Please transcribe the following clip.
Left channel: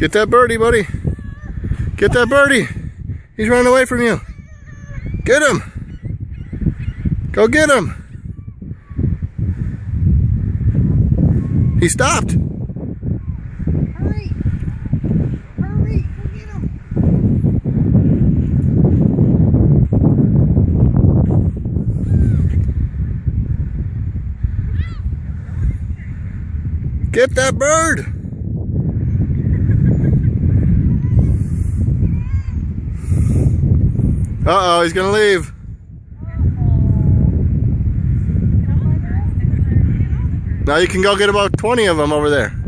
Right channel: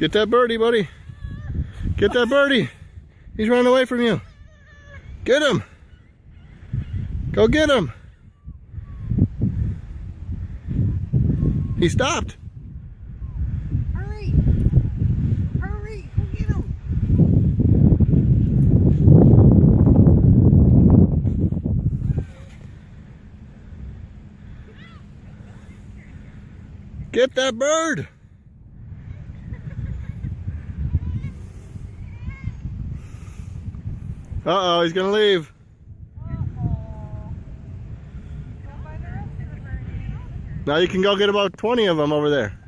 Get that birdie, buddy. Get that birdie. He's running away from you. Get him. Go get him. He stopped. Hurry. Hurry. Go get him. Get that bird. Uh-oh, he's gonna leave. Now you can go get about 20 of them over there.